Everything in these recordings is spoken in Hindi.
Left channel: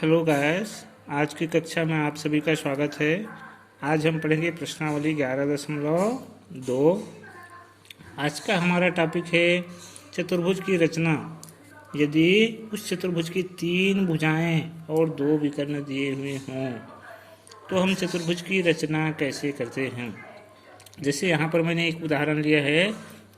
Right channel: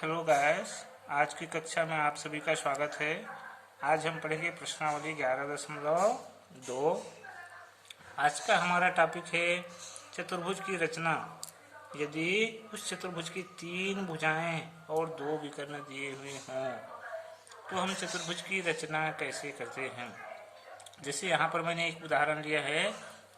हेलो गाइस, आज की कक्षा में आप सभी का स्वागत है। आज हम पढ़ेंगे प्रश्नावली 11.2। आज का हमारा टॉपिक है चतुर्भुज की रचना। यदि उस चतुर्भुज की 3 भुजाएं और 2 विकर्ण दिए हुए हों तो हम चतुर्भुज की रचना कैसे करते हैं। जैसे यहाँ पर मैंने एक उदाहरण लिया है।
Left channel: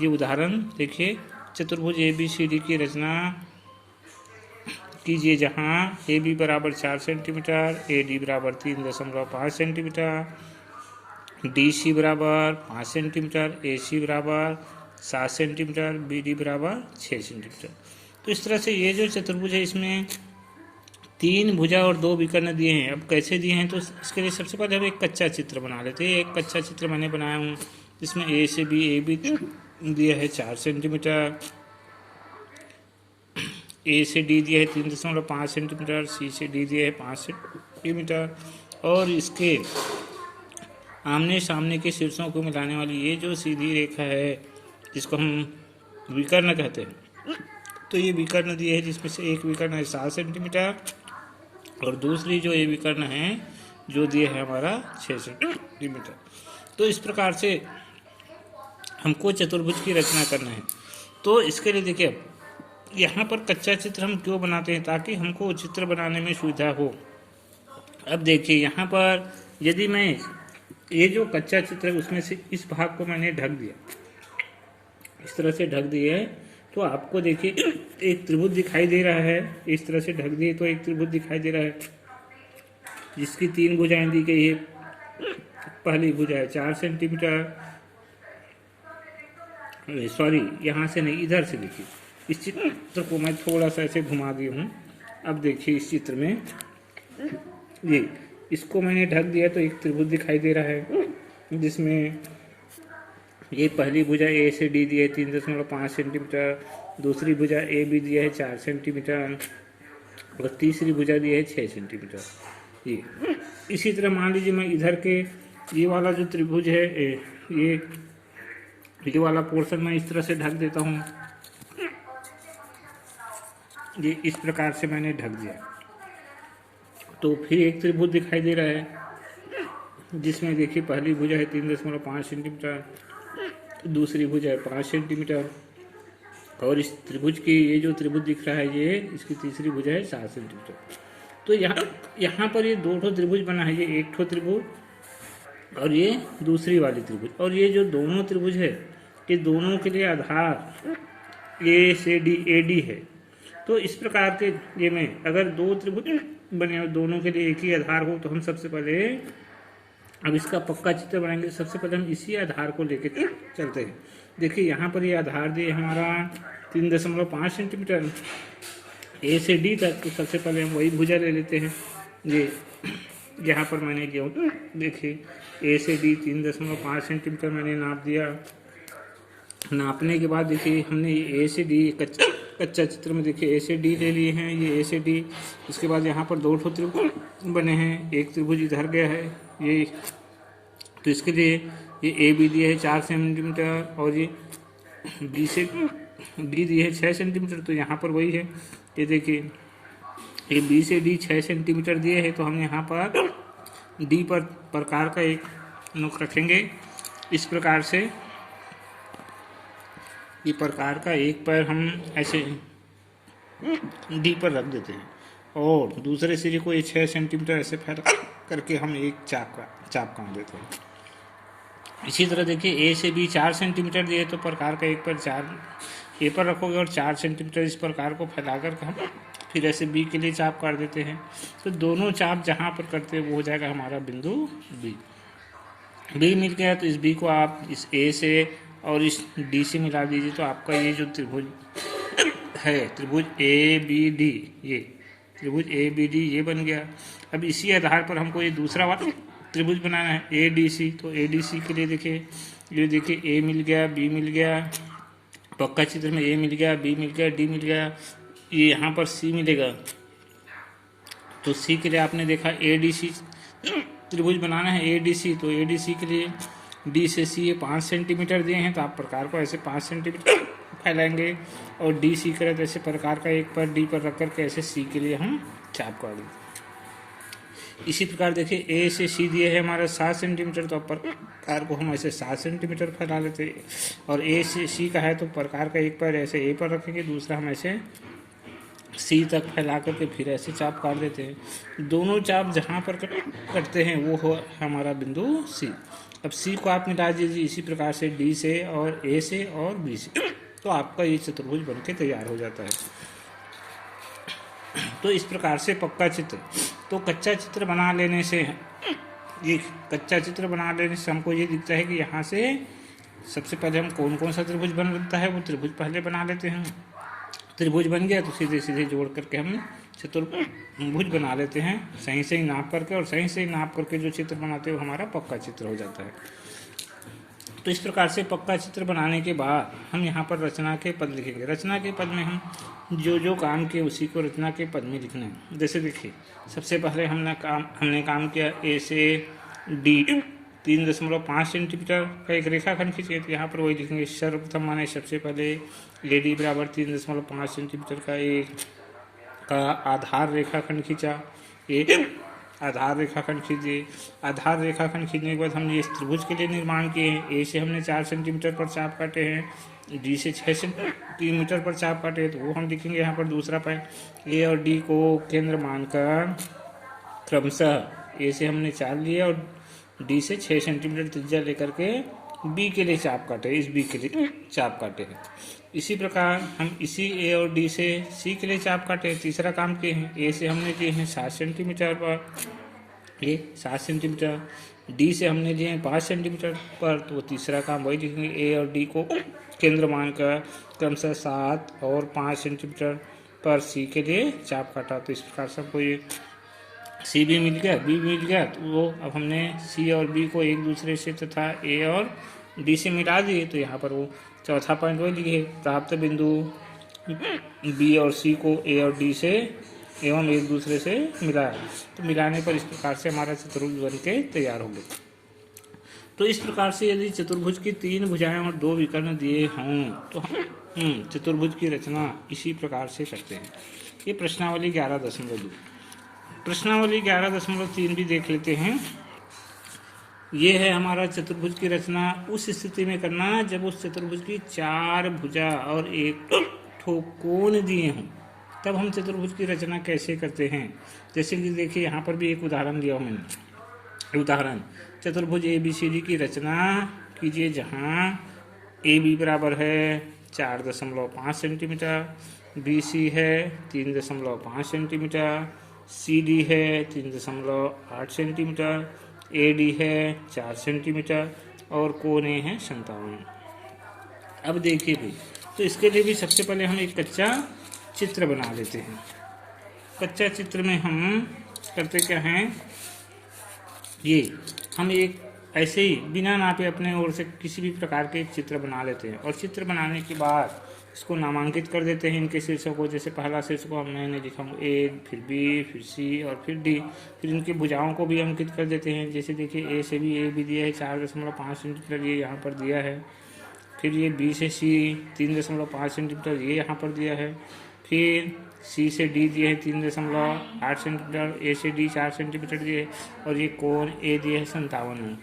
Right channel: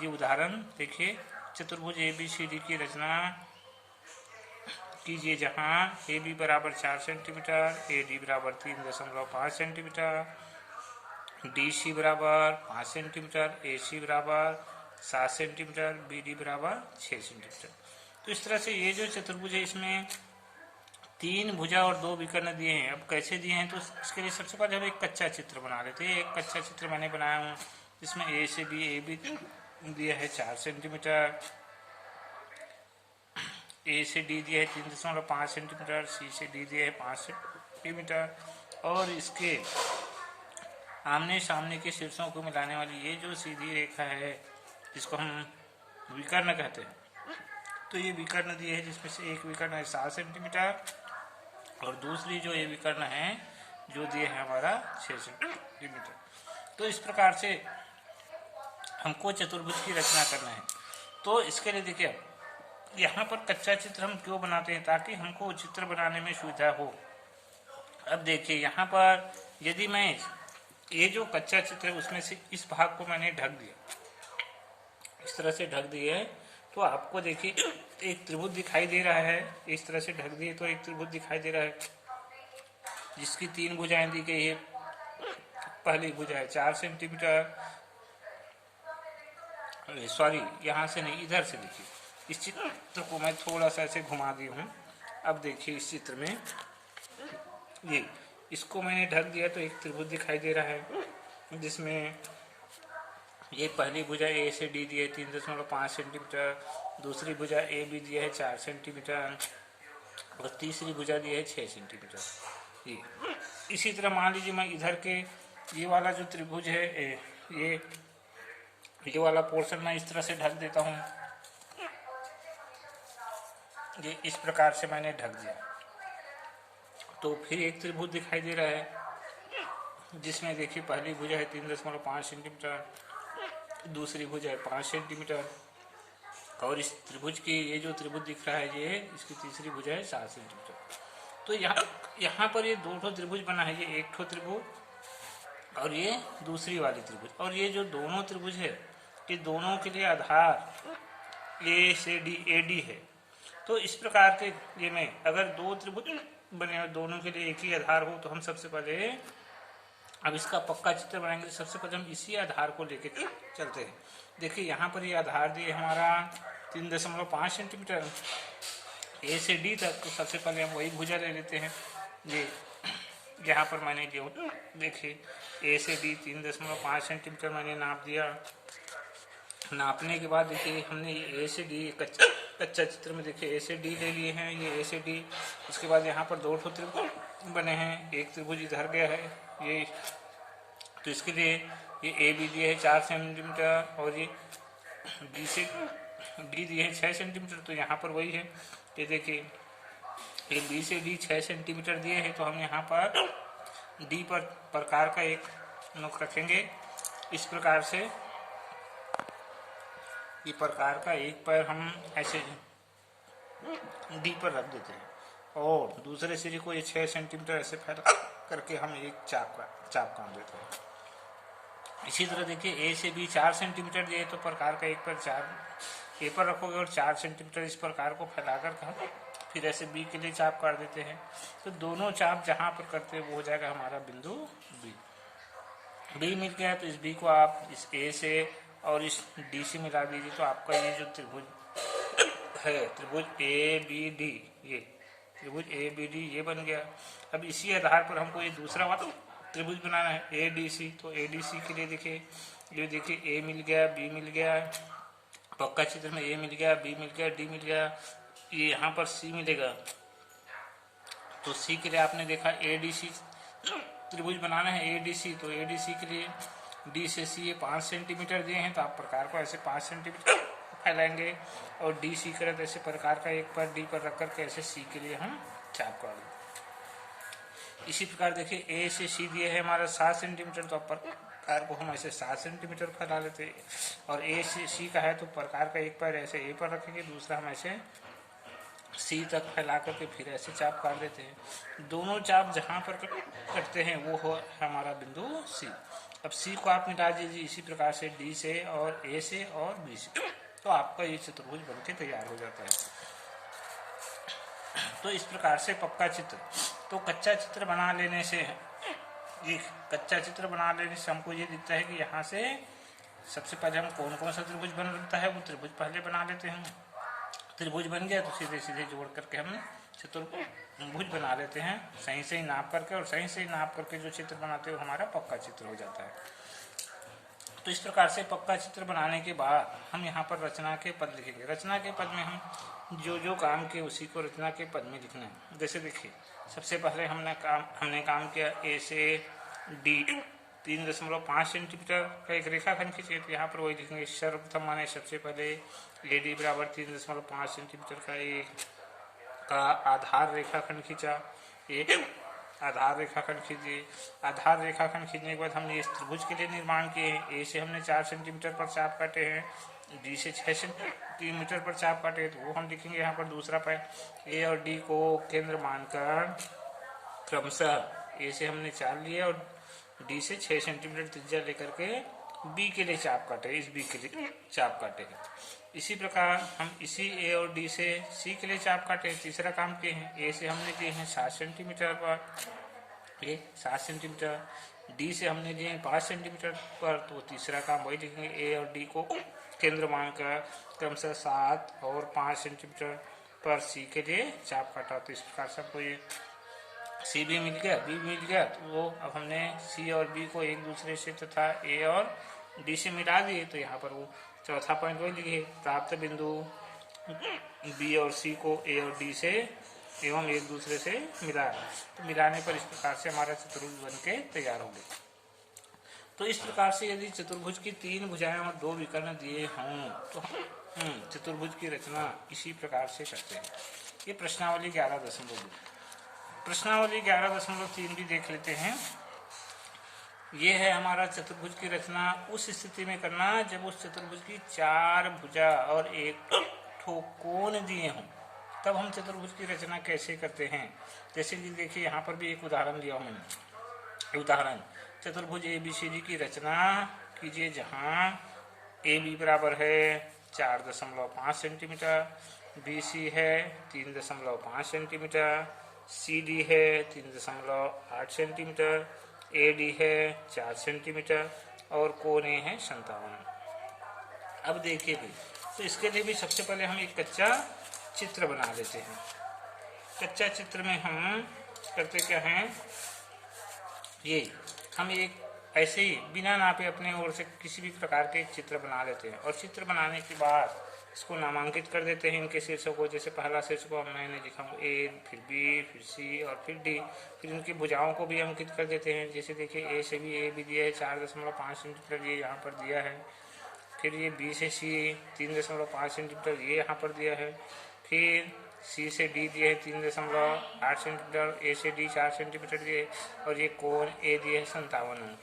ये उदाहरण देखिए, चतुर्भुज ABCD की रचना कीजिए, जहाँ ए बी बराबर 4 सेंटीमीटर, AD बराबर 3.5 सेंटीमीटर, DC बराबर 5 सेंटीमीटर, AC बराबर 7 सेंटीमीटर, BD बराबर 6 सेंटीमीटर। तो इस तरह से ये जो चतुर्भुज है इसमें 3 भुजा और 2 विकर्ण दिए हैं। अब कैसे दिए हैं तो इसके लिए सबसे पहले हम एक कच्चा चित्र बना लेते हैं। एक कच्चा चित्र मैंने बनाया हूँ जिसमें ए से बी, ए बी दिया है 4 सेंटीमीटर, ए से डी दिया है 3.5 सेंटीमीटर, सी से डी दिया है 5 सेंटीमीटर, और इसके आमने सामने के शीर्षों को मिलाने वाली ये जो सीधी रेखा है जिसको हम विकर्ण कहते हैं। तो ये विकर्ण दिए है जिसमें से एक विकर्ण है 7 सेंटीमीटर और दूसरी जो ये विकर्ण है जो दिए है हमारा 6 सेंटीमीटर। तो इस प्रकार से हमको चतुर्भुज की रचना करना है। तो इसके लिए देखिए, यहाँ पर कच्चा चित्र हम क्यों बनाते हैं, ताकि हमको चित्र बनाने में सुविधा हो। अब देखिए यहाँ पर यदि मैं ये जो कच्चा चित्र है उसमें से इस भाग को मैंने ढक दिया, इस तरह से ढक दिए, तो आपको देखिए एक त्रिभुज दिखाई दे रहा है। इस तरह से ढक दिए तो एक त्रिभुज दिखाई दे रहा है जिसकी 3 भुजाएं दी गई है। पहली भुजा है 4 सेंटीमीटर, सॉरी यहाँ से नहीं, इधर से देखिए। इस चित्र को मैं थोड़ा सा ऐसे घुमा दी हूँ। अब देखिए इस चित्र में ये इसको मैंने ढक दिया तो एक त्रिभुज दिखाई दे रहा है जिसमें ये पहली भुजा ए से डी दी है 3.5 सेंटीमीटर, दूसरी भुजा ए बी दिया है 4 सेंटीमीटर और तीसरी भुजा दी है 6 सेंटीमीटर। ये इसी तरह मान लीजिए मैं इधर के ये वाला जो त्रिभुज है ये वाला पोर्शन मैं इस तरह से ढक देता हूँ। ये इस प्रकार से मैंने ढक दिया तो फिर एक त्रिभुज दिखाई दे रहा है जिसमें देखिए पहली भुजा है 3.5 सेंटीमीटर, दूसरी भुजा है 5 सेंटीमीटर और इस त्रिभुज की ये जो त्रिभुज दिख रहा है ये इसकी तीसरी भुजा है 7 सेंटीमीटर। तो यहाँ पर ये 2 त्रिभुज बना है, ये एक त्रिभुज और ये दूसरी वाली त्रिभुज, और ये जो दोनों त्रिभुज है ये दोनों के लिए आधार ए से डी AD है। तो इस प्रकार के ये में अगर 2 त्रिभुज बने और दोनों के लिए एक ही आधार हो तो हम सबसे पहले अब इसका पक्का चित्र बनाएंगे। सबसे पहले हम इसी आधार को लेके चलते हैं। देखिए यहाँ पर ये आधार दिए हमारा 3.5 सेंटीमीटर ए से डी तक। तो सबसे पहले हम वही भुजा ले लेते हैं। ये यहाँ पर मैंने लिया, देखिए ए से डी 3.5 सेंटीमीटर मैंने नाप दिया। नापने के बाद देखिए हमने ए से डी कच्चा चित्र में देखिए ए से डी ले लिए हैं, ये ए से डी। उसके बाद यहाँ पर 2 त्रिभुज बने हैं, एक त्रिभुज इधर गया है ये, तो इसके लिए ये ए बी दिए है 4 सेंटीमीटर और ये बी से डी दिए है 6 सेंटीमीटर। तो यहाँ पर वही है, ये देखिए ये बी से डी 6 सेंटीमीटर दिए है। तो हम यहाँ पर डी पर प्रकार का एक नोक रखेंगे। इस प्रकार से ये प्रकार का एक पैर हम ऐसे डी पर रख देते हैं और दूसरे सिरे को ये 6 सेंटीमीटर ऐसे फैला करके हम एक चाप काट देते हैं। इसी तरह देखिए ए से बी 4 सेंटीमीटर दिए तो प्रकार का एक पैर 4 ए पर रखोगे और 4 सेंटीमीटर इस प्रकार को फैला कर हम फिर ऐसे बी के लिए चाप काट देते हैं। तो दोनों चाप जहाँ पर करते हैं वो हो जाएगा हमारा बिंदु बी मिल गया। तो इस बी को आप इस ए से और इस डी से मिला दीजिए तो आपका ये जो त्रिभुज है, त्रिभुज ABD, ये त्रिभुज ABD ये बन गया। अब इसी आधार पर हमको ये दूसरा वाला त्रिभुज बनाना है ADC। तो ADC के लिए देखिए ये देखिए A मिल गया, B मिल गया, पक्का चित्र में A मिल गया, B मिल गया, D मिल गया, ये यहाँ पर C मिलेगा। तो C के लिए आपने देखा ADC त्रिभुज बनाना है ADC। तो ADC के लिए डी से सी ये 5 सेंटीमीटर दिए हैं तो आप प्रकार को ऐसे 5 सेंटीमीटर फैलाएंगे और डी सी करें तो ऐसे प्रकार का एक पर डी पर रख कर के ऐसे सी के लिए हम चाप काट देते हैं। इसी प्रकार देखिए ए से सी दिए है हमारा 7 सेंटीमीटर, तो प्रकार को हम ऐसे 7 सेंटीमीटर फैला लेते हैं। और ए से सी का है तो प्रकार का एक पैर ऐसे ए पर रखेंगे, दूसरा हम ऐसे सी तक फैला करके फिर ऐसे चाप काट देते हैं। दोनों चाप जहाँ पर कटते हैं वो हो हमारा बिंदु सी। अब सी को आप मिटा दीजिए इसी प्रकार से डी से और ए से और बी से, तो आपका ये चतुर्भुज बनके तैयार हो जाता है। तो इस प्रकार से पक्का चित्र, तो कच्चा चित्र बना लेने से, ये कच्चा चित्र बना लेने से हमको ये दिखता है कि यहाँ से सबसे पहले हम कौन कौन सा त्रिभुज बनता है वो त्रिभुज पहले बना लेते हैं। त्रिभुज बन गया तो सीधे सीधे जोड़ करके हम चतुर्भुज बना लेते हैं, सही सही नाप करके, और सही सही नाप करके जो चित्र बनाते हैं वो हमारा पक्का चित्र हो जाता है। तो इस प्रकार से पक्का चित्र बनाने के बाद हम यहाँ पर रचना के पद लिखेंगे। रचना के पद में हम जो जो काम किए उसी को रचना के पद में लिखना है। जैसे देखिए सबसे पहले हमने काम किया ए से डी 3.5 सेंटीमीटर का एक रेखाखंड खींचे, तो यहाँ पर वही लिखेंगे। सर्वप्रथम माने सबसे पहले ए डी बराबर 3.5 सेंटीमीटर का एक का आधार रेखाखंड खींचा, एक आधार रेखाखंड खींचिए। आधार रेखाखंड खींचने के बाद हमने इस त्रिभुज के लिए निर्माण किए हैं। ए से हमने 4 सेंटीमीटर पर चाप काटे हैं, डी से 6 सेंटीमीटर पर चाप काटे हैं, तो वो हम लिखेंगे यहाँ पर दूसरा पैर। ए और डी को केंद्र मानकर क्रमशः ए से हमने 4 लिए और डी से 6 सेंटीमीटर त्रिज्या लेकर के बी के लिए चाप काटे, इस बी के लिए चाप काटे हैं। इसी प्रकार हम इसी ए और डी से सी के लिए चाप काटे। तीसरा काम किए हैं, ए से हमने किए हैं 7 सेंटीमीटर पर, ये 7 सेंटीमीटर, डी से हमने लिए हैं 5 सेंटीमीटर पर, तो तीसरा काम वही लिखेंगे। ए और डी को केंद्र मानकर क्रमशः 7 और 5 सेंटीमीटर पर सी के लिए चाप काटा। तो इस प्रकार से हमको ये सी भी मिल गया, बी मिल गया, तो वो अब हमने सी और बी को एक दूसरे से तथा ए और डी से मिटा दिए, तो यहाँ पर वो चौथा पॉइंट वही लिखे। प्राप्त बिंदु बी और सी को ए और डी से एवं एक दूसरे से मिलाया, तो मिलाने पर इस प्रकार से हमारा चतुर्भुज बन के तैयार हो गया। तो इस प्रकार से यदि चतुर्भुज की 3 भुजाएं और 2 विकर्ण दिए हों तो हम चतुर्भुज की रचना इसी प्रकार से करते हैं। ये प्रश्नावली 11.2। प्रश्नावली 11.3 भी देख लेते हैं। ये है हमारा चतुर्भुज की रचना उस स्थिति में करना जब उस चतुर्भुज की 4 भुजा और एक ठो कोण दिए हों, तब हम चतुर्भुज की रचना कैसे करते हैं। जैसे कि देखिए यहाँ पर भी एक उदाहरण दिया हूँ मैंने। उदाहरण, चतुर्भुज ABCD की रचना कीजिए जहाँ AB बराबर है 4.5 सेंटीमीटर, BC है 3.5 सेंटीमीटर, CD है 3.8 सेंटीमीटर, AD है 4 सेंटीमीटर और कोण A है 57। अब देखिए भाई, तो इसके लिए भी सबसे पहले हम एक कच्चा चित्र बना लेते हैं। कच्चा चित्र में हम करते क्या हैं, ये हम एक ऐसे ही बिना नापे अपने ओर से किसी भी प्रकार के एक चित्र बना लेते हैं, और चित्र बनाने के बाद इसको नामांकित कर देते हैं इनके शीर्षों को। जैसे पहला शीर्ष को मैंने लिखा A, फिर B, फिर C और फिर D। फिर इनकी भुजाओं को भी अंकित कर देते हैं। जैसे देखिए A से भी A भी दिया है 4.5 सेंटीमीटर, ये यहाँ पर दिया है। फिर ये B से C 3.5 सेंटीमीटर, ये यहाँ पर दिया है। फिर C से D दिए है 3.8 सेंटीमीटर, A से D 4 सेंटीमीटर दिए, और ये कोण A दिए है 57।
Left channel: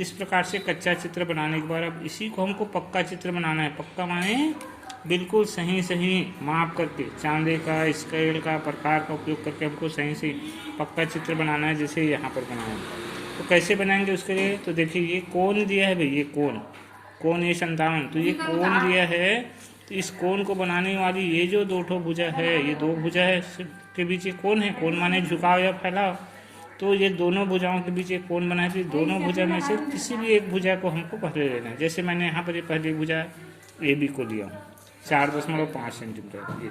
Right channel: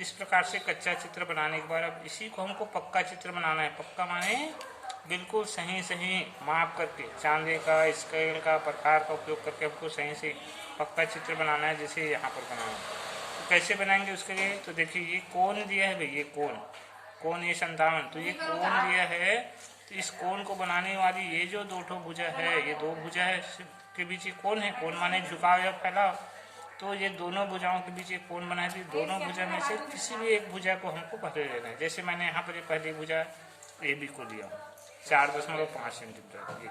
इस प्रकार से कच्चा चित्र बनाने के बाद अब इसी को हमको पक्का चित्र बनाना है। पक्का माने बिल्कुल सही सही माप करके, चांदे का, स्केल का, प्रकार का उपयोग करके हमको सही से पक्का चित्र बनाना है, जैसे यहाँ पर बनाना है। तो कैसे बनाएंगे उसके लिए, तो देखिए ये कोण दिया है भाई, ये कोण ये 57, तो ये कोण दिया है। तो इस कोण को बनाने वाली ये जो 2 ठो भुजा है, ये 2 भुजा है के बीच एक कोण है। कोण माने झुकाव या फैलाव, तो ये दोनों भुजाओं के बीच एक कोण बना है। दोनों भुजा में से किसी भी एक भुजा को हमको पहले लेना है। जैसे मैंने यहाँ पर ये पहली भुजा AB को लिया 4.5 सेंटीमीटर।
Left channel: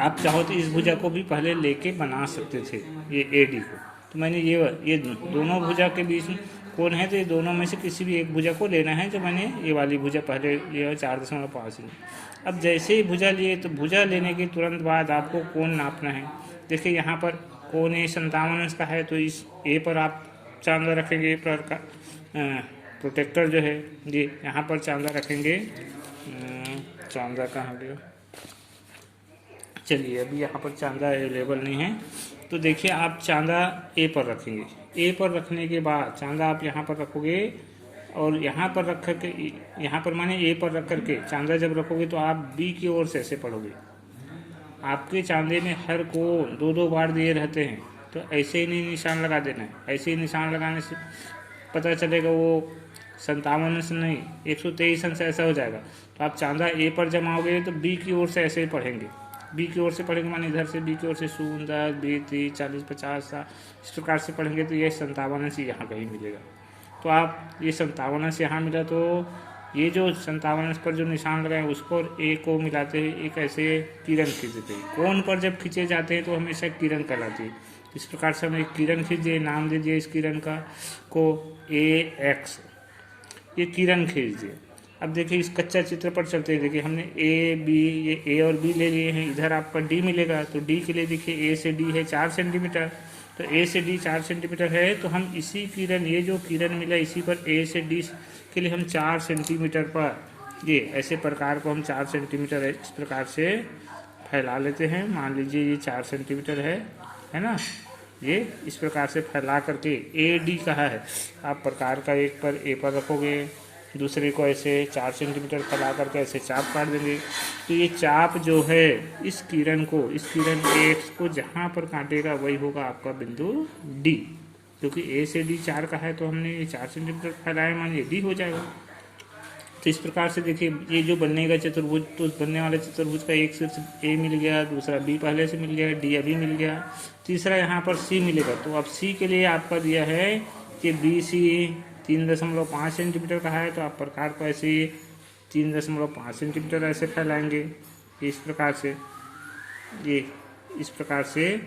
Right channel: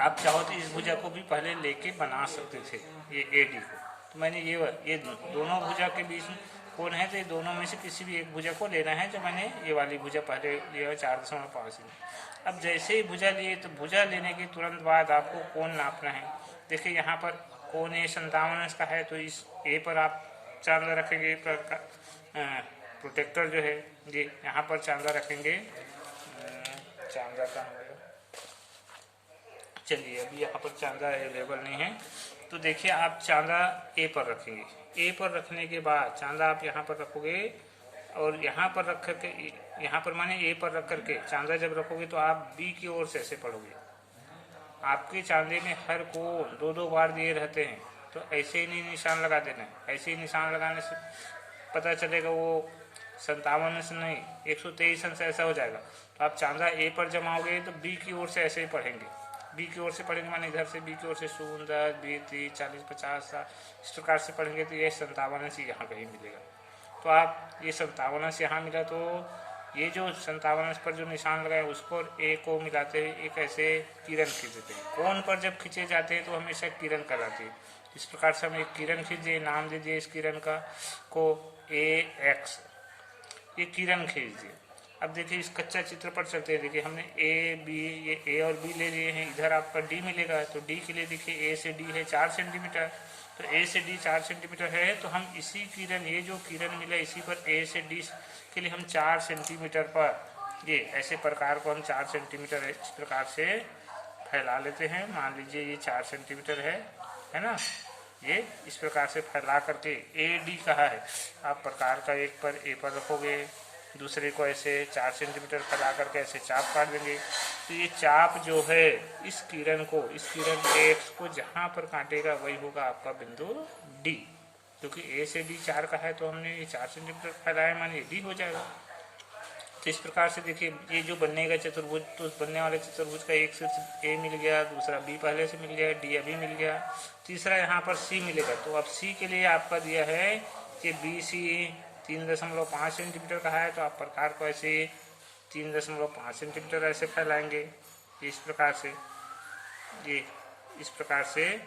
आप चाहो तो इस भुजा को भी पहले लेके बना सकते थे, ये AD को। तो मैंने ये दोनों भुजा के बीच में कोण है, तो ये दोनों में से किसी भी एक भुजा को लेना है। जो मैंने ये वाली भुजा पहले लिया 4.5 सेंटीमीटर। अब जैसे ही भुजा लिए, तो भुजा लेने के तुरंत बाद आपको कोण नापना है। देखिए यहाँ पर कोण A 57 का है, तो इस A पर आप चांदा रखेंगे। A पर का प्रोटेक्टर जो है ये यहाँ पर चांदा रखेंगे। चांदा कहेंगे, चलिए अभी यहाँ पर चांदा अवेलेबल नहीं है, तो देखिए आप चांदा ए पर रखेंगे, ए पर रखने के बाद चांदा आप यहाँ पर रखोगे और यहाँ पर रख करके, यहाँ पर माने ए पर रख करके चांदा जब रखोगे तो आप बी की ओर से ऐसे पढ़ोगे। आपके चांदे में हर को 2-2 बार दिए रहते हैं, तो ऐसे ही नहीं निशान लगा देना है। ऐसे ही निशान लगाने से पता चलेगा वो 57 अंश नहीं 123 अंश ऐसा हो जाएगा। तो आप चांदा ए पर जमाओगे तो बी की ओर से ऐसे ही पढ़ेंगे, बी की ओर से पढ़ेंगे माने इधर से बी की ओर से 0 10 20 30 40 50 इस प्रकार से पढ़ेंगे तो ये 57 अंश यहाँ कहीं मिलेगा। तो आप ये 57 अंश यहाँ मिला, तो ये जो 57 अंश पर जो निशान लगाए उस पर ए को मिलाते हैं, एक ऐसे किरण खींचते हैं। कोण पर जब खींचे जाते हैं तो हमेशा किरण कहलाती है। इस प्रकार से हम एक किरण खींचे, नाम दीजिए इस किरण का को ए एक्स, ये किरण खींच दिए। अब देखिए इस कच्चा चित्र पर चलते हैं। देखिए हमने ए बी, ये ए और बी ले लिए हैं, इधर आपका डी मिलेगा। तो डी के लिए देखिए ए से डी है 4 सेंटीमीटर, तो ए से डी 4 सेंटीमीटर है। तो हम इसी किरण, ये जो किरण मिला इसी पर ए से डी के लिए हम 4 सेंटीमीटर पर ये ऐसे प्रकार को हम 4 सेंटीमीटर इस प्रकार से फैला लेते हैं। मान लीजिए ये 4 सेंटीमीटर है ना। ये इस प्रकार से फैला करके ए डी कहा है, आप प्रकार का एक पर ए पर रखोगे, दूसरे को ऐसे 4 सेंटीमीटर फैला करके ऐसे चाप काट देंगे। तो ये चाप जो है इस किरण को, इस किरण एक्स को जहाँ पर काटेगा वही होगा आपका बिंदु डी। क्योंकि ए से डी 4 का है तो हमने ये 4 सेंटीमीटर फैलाया, मानिए डी हो जाएगा। तो इस प्रकार से देखिए ये जो बनेगा चतुर्भुज, तो बनने वाले चतुर्भुज का एक शीर्ष ए मिल गया, दूसरा बी पहले से मिल गया, डी अभी मिल गया, तीसरा यहाँ पर सी मिलेगा। तो अब सी के लिए आपका दिया है कि बी सी 3.5 सेंटीमीटर का है, तो आप प्रकार को ऐसे 3.5 सेंटीमीटर ऐसे फैलाएंगे इस प्रकार से। ये इस प्रकार से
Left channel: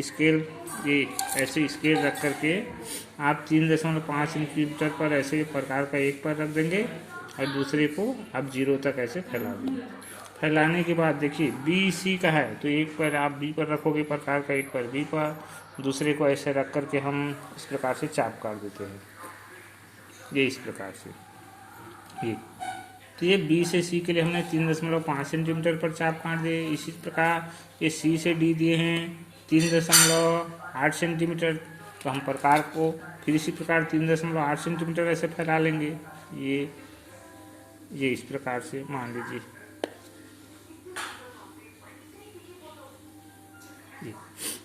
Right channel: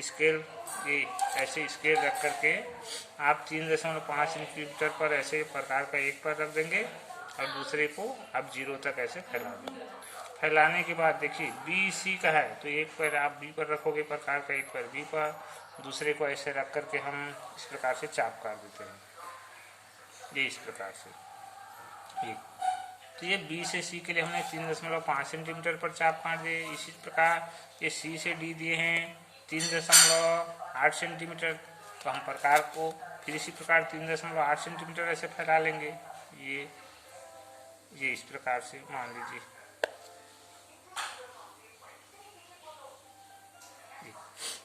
स्केल, ये ऐसे स्केल रख करके आप 3.5 सेंटीमीटर पर ऐसे प्रकार का एक पर रख देंगे और दूसरे को आप 0 तक ऐसे फैला देंगे। फैलाने के बाद देखिए बी सी का है तो एक पर आप बी पर रखोगे प्रकार का, एक पर बी पर, दूसरे को ऐसे रख करके हम इस प्रकार से चाप काट देते हैं, ये इस प्रकार से। ये तो ये बी से सी के लिए हमने 3.5 सेंटीमीटर पर चाप काट दिए। इसी प्रकार ये सी से डी दिए हैं 3.8 सेंटीमीटर, तो हम प्रकार को फिर इसी प्रकार 3.8 सेंटीमीटर ऐसे फैला लेंगे। ये इस प्रकार से मान लीजिए,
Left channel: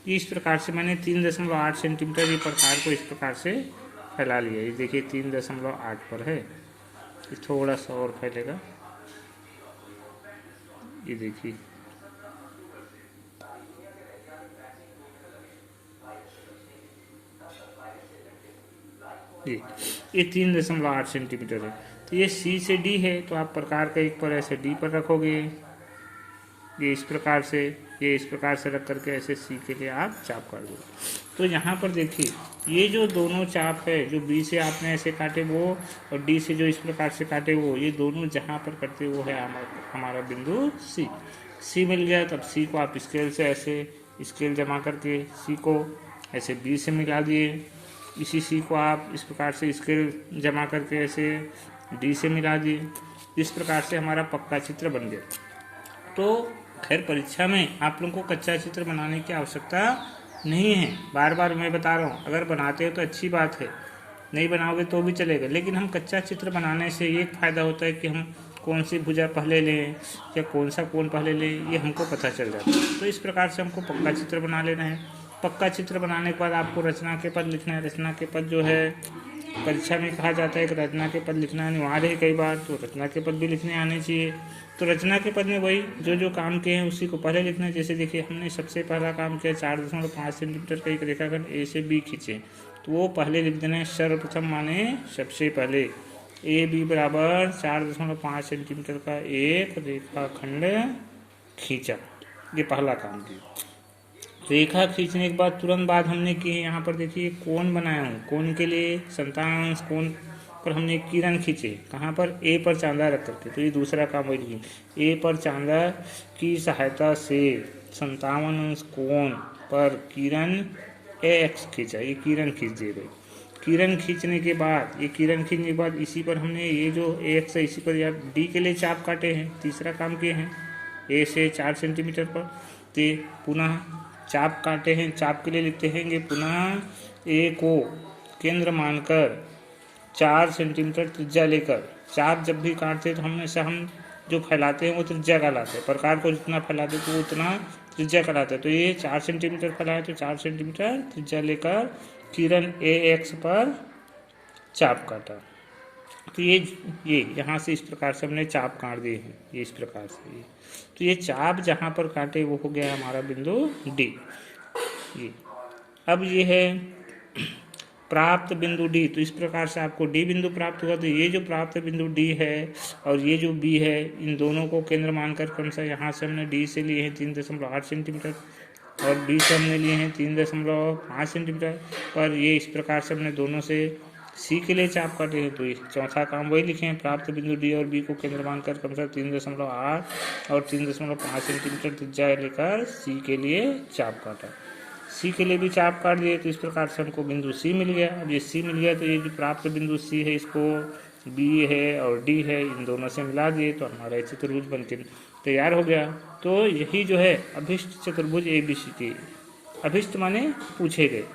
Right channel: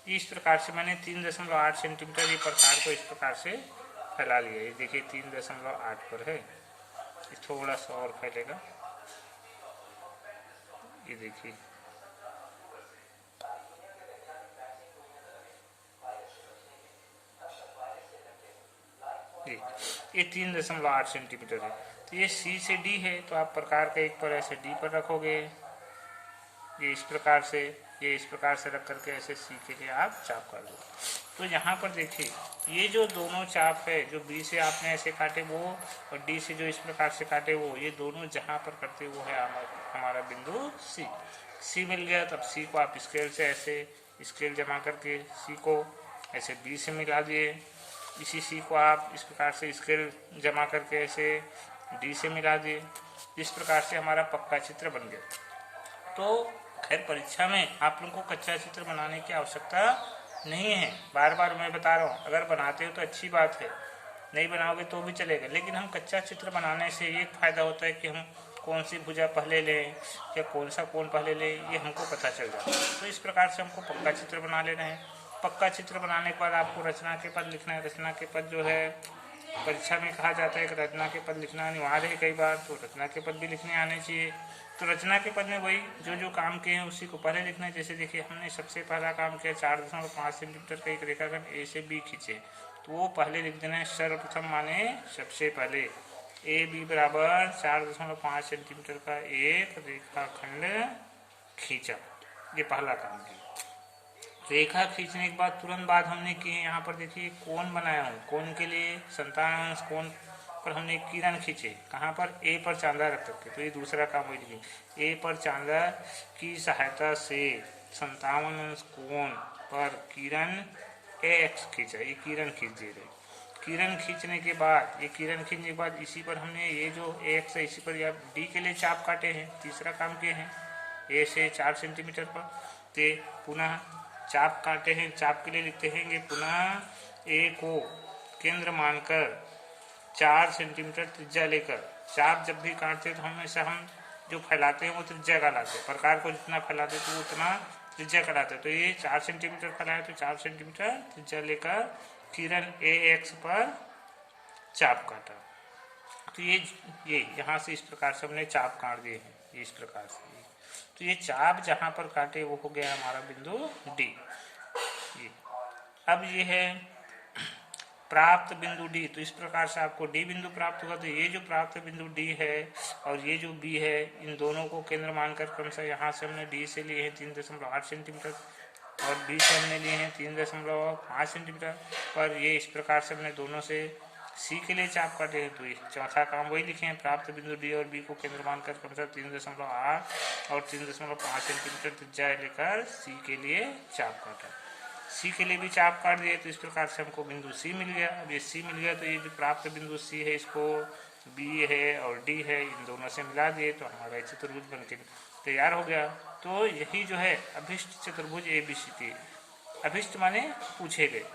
ये इस प्रकार से मैंने 3.8 सेंटीमीटर ये प्रकार को इस प्रकार से फैला लिया। ये देखिए 3.8 पर है, ये थोड़ा सा और फैलेगा। ये देखिए ये 3.8 सेंटीमीटर है। तो ये सी से डी है तो आप प्रकार का एक पर ऐसे डी पर रखोगे, ये इस प्रकार से, ये इस प्रकार से रख करके ऐसे सी के लिए आप चाप काट दो। तो यहाँ पर देखिए ये जो दोनों चाप है, जो बी से आपने ऐसे काटे वो और डी से जो इस प्रकार से काटे वो, ये दोनों जहाँ पर कटते वो है हमारा बिंदु सी। सी मिल गया, तब सी को आप स्केल से ऐसे स्केल जमा करके सी को ऐसे बी से मिला दिए। इसी सी को आप इस प्रकार से स्केल जमा करके ऐसे डी से मिला दिए। इस प्रकार से हमारा पक्का चित्र बन गया। तो खैर परीक्षा में आप लोगों को कच्चा चित्र बनाने की आवश्यकता नहीं है, बार बार मैं बता रहा हूँ। अगर बनाते हो तो अच्छी बात है, नहीं बनाओगे तो भी चलेगा, लेकिन हम कच्चा चित्र बनाने से ये फायदा होता है कि हम कौन सी भुजा पहले लें या कौन सा कोण पहले लें, ये हमको पता चल जाता है। तो इस प्रकार से हमको पक्का चित्र बना लेना है। पक्का चित्र बनाने के बाद आपको रचना के पद लिखना है। रचना के पद जो है परीक्षा में कहा जाता है कि रचना के पद लिखना अनिवार्य है कई बार, तो रचना के पद भी लिखने आने चाहिए। तो रचना के पद में वही जो काम किए हैं उसी को पहले लिखना है। जैसे देखिए हमने सबसे पहला काम किया 4.5 सेंटीमीटर का एक रेखाखंड ए से बी खींचे, तो वो पहले लिख देना है सर्वप्रथम माने सबसे पहले। ए बी बराबर 4.5 सेंटीमीटर का एक रेखाखंड खींचा, ये पहला काम किया। रेखा खींचने के बाद तुरंत बाद हमने की है यहाँ पर देखिए कोण बनाया हूँ। कोण के लिए 57 अंश कोण पर हमने किरण खींचे, कहाँ पर, ए पर चांदा रख करके। तो ये दूसरा काम वही लिखें, ए पर चांदा की सहायता से 57 अंश कोण पर किरण एक्स खींचा। ये किरण खींच दिए गए। किरण खींचने के बाद, ये किरण खींचने के बाद इसी पर हमने ये जो एक्स है इसी पर या डी के लिए चाप काटे हैं। तीसरा काम किए हैं ए से 4 सेंटीमीटर पर। तो पुनः चाप काटे हैं, चाप के लिए लिखते हैं पुनः ए को केंद्र मानकर 4 सेंटीमीटर त्रिज्या लेकर। चाप जब भी काटते हैं तो हमेशा हम जो फैलाते हैं वो त्रिज्या कहलाते हैं, प्रकार को जितना फैलाते हैं तो वो उतना त्रिज्या कहलाता है। तो ये 4 सेंटीमीटर फैलाए तो 4 सेंटीमीटर त्रिज्या लेकर किरण AX पर चाप काटा। तो ये यहाँ से इस प्रकार से हमने चाप काट दिए हैं, ये इस प्रकार से। तो ये चाप जहाँ पर काटे वो हो गया हमारा बिंदु D। ये अब ये है प्राप्त बिंदु D। तो इस प्रकार से आपको D बिंदु प्राप्त हुआ। तो ये जो प्राप्त बिंदु D है और ये जो B है, इन दोनों को केंद्र मानकर क्रमशः यहाँ से हमने D से लिए हैं 3.8 सेंटीमीटर और B से हमने लिए हैं 3.5 सेंटीमीटर। पर ये इस प्रकार से हमने दोनों से C के लिए चाप काटे हैं। तो चौथा काम वही लिखे हैं, प्राप्त बिंदु D और B को केंद्र मानकर क्रमशः 3.8 और 3.5 सेंटीमीटर त्रिज्या लेकर C के लिए चाप काटा। C के लिए भी चाप काट दिए तो इस प्रकार से हमको बिंदु C मिल गया। अब ये C मिल गया तो ये जो प्राप्त बिंदु C है इसको B है और D है, इन दोनों से मिला दिए तो हमारा चतुर्भुज बनकर तैयार हो गया। तो यही जो है अभिष्ट चतुर्भुज ABCD, अभिष्ट माने पूछे गए।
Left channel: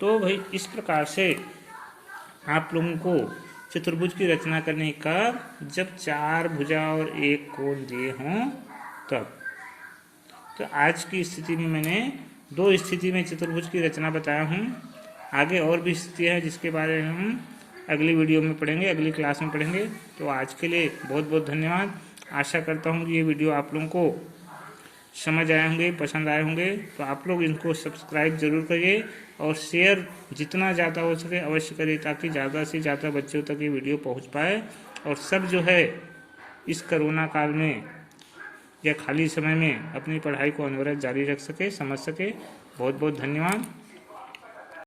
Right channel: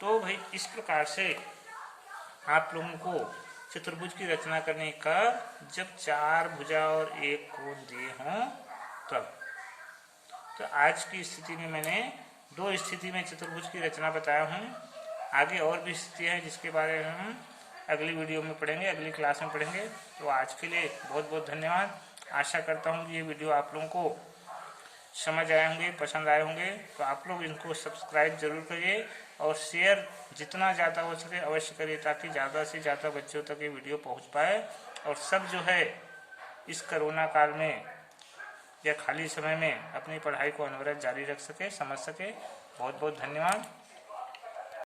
तो भाई इस प्रकार से आप लोगों को चतुर्भुज की रचना करने का, जब 4 भुजा और 1 कोण दिए हों तब। तो आज की स्थिति में मैंने 2 स्थिति में चतुर्भुज की रचना बताया हूँ। आगे और भी स्थिति है जिसके बारे में हम अगली वीडियो में पढ़ेंगे, अगली क्लास में पढ़ेंगे। तो आज के लिए बहुत बहुत धन्यवाद। आशा करता हूँ कि ये वीडियो आप लोगों को समझ आए होंगे, पसंद आए होंगे। तो आप लोग इनको सब्सक्राइब जरूर करिए और शेयर जितना ज़्यादा हो सके अवश्य करिए, ताकि ज़्यादा से ज़्यादा बच्चों तक ये वीडियो पहुँच पाए और सब जो है इस कोरोना काल में या खाली समय में अपनी पढ़ाई को अनवरत जारी रख सके, समझ सके। बहुत बहुत धन्यवाद।